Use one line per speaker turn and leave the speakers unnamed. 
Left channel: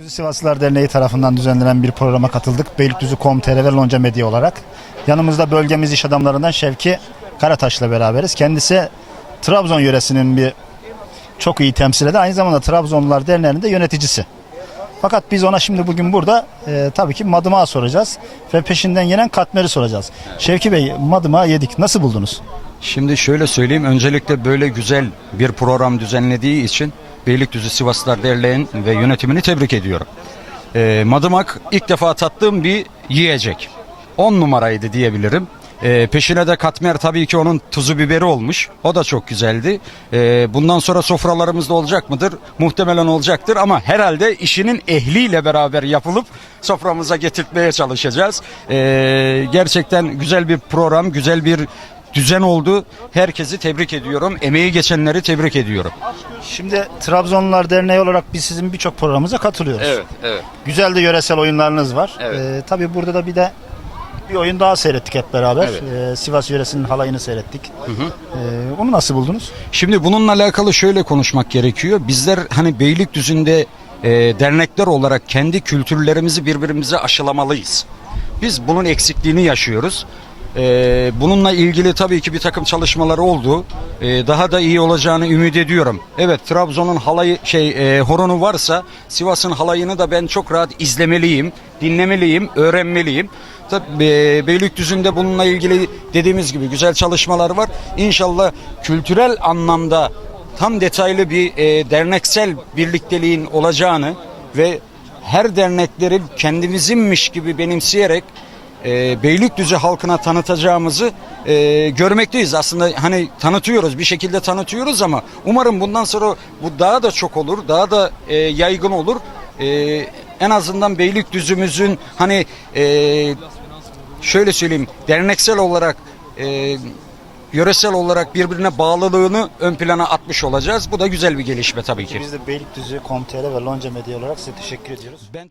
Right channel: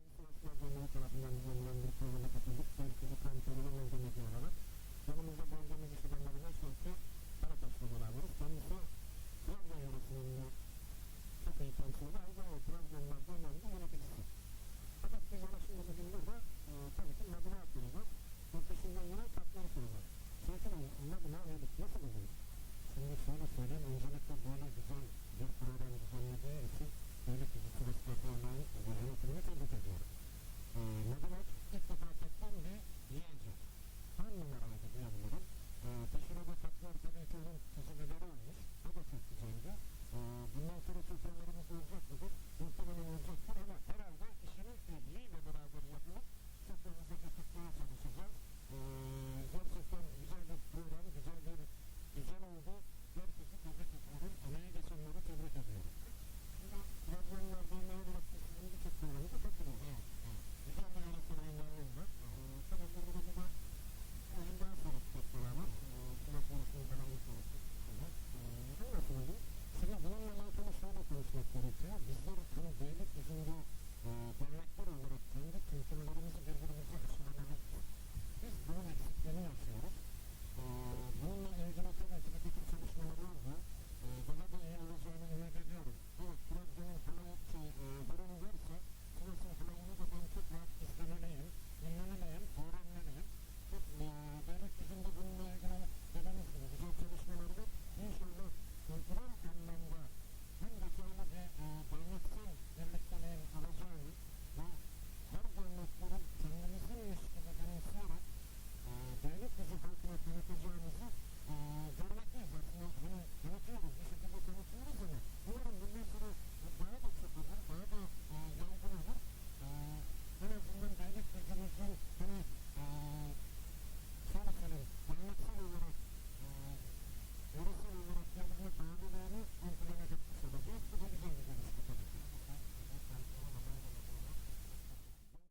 Beylikdüzü Sivaslılar Derneği tarafından düzenlenen bir programa katıldık. Beylikdüzü.com.tr ve Lonca Medya olarak. Yanımızda bölgemiz iş adamlarından Şevki Karataş'la beraberiz. Kendisi Trabzon yöresinin bir çok iyi temsil eden aynı zamanda Trabzonlular Derneği'nin de yöneticisi. Fakat biz ona şimdi bugün burada e, tabii ki madımağı soracağız ve peşinden gelen katmeri soracağız. Şevki Bey madımağı yedik. Nasıl buldunuz?
Şimdi şöyle söyleyeyim. Öncelikle böyle güzel bir program düzenlediği için Beylikdüzü Sivaslılar Derneği'nin ve yönetimini tebrik ediyorum. Ee, madımak ilk defa tattığım bir yiyecek. 10 numaraydı diyebilirim. Ee, peşine de katmer tabii ki onun tuzu biberi olmuş. O da çok güzeldi. Ee, bundan sonra sofralarımızda olacak mıdır? Muhtemelen olacaktır ama herhalde işinin ehliyle beraber yapılıp soframıza getirtmeye çalışacağız. Ee, gerçekten güzel bir program, güzel bir düzen oldu. Herkesi tebrik ediyorum. Emeği geçenleri tebrik ediyorum.
Şimdi Trabzonlular Derneği olarak biz sizin birçok programımıza katılıyoruz.
evet.
Güzel de yöresel oyunlarınız var.
Evet.
Ee, tabii burada da bir de bir oyun daha seyrettik hep beraber.
Evet.
Ee, Sivas yöresinin halayını seyrettik. Ee, onu nasıl buldunuz?
Şimdi bununla alakalı şöyle konuşmak gerekiyor. Bizler hani Beylikdüzü'nde e, dernekler olarak kendi kültürlerimizi birbirimize aşılamalıyız. Biz bunun eksikliğini yaşıyoruz. E, bununla ilgili tabii ki bir takım çalışmaları oldu. E, daha da iyi olacağını ümit ediyorum. Evet Trabzon'un halayı şey e, horonu varsa Sivas'ın halayını da ben çok rahat izlemeliyim, dinlemeliyim, öğrenmeliyim. Tabii e, Beylikdüzü'nde bununla ilgili dediğimiz gibi güzel çalışmalar var. İnşallah kültürel anlamda tam detaylı bir e, derneksel birlikteliğin olacağını ve her dernekleri kendimizinmiş gibi benimseyerek e, Beylikdüzü halkına tanıtacağımızı e, görmekteyiz. Aslında hani tanıtıyoruz bir şekilde tanıtıyoruz ama umarım bundan sonra bu daha da çok olur, daha da e, yaygın olur. E, en azından Beylikdüzümüzün hani e, şöyle söyleyeyim derneksel olarak e, yöresel olarak birbirine bağlılığını ön plana atmış olacağız. Bu da güzel bir gelişme tabii ki.
Biz de Beylikdüzü, Komtere ve Lonca Medya olarak size teşekkür ediyoruz.
Ben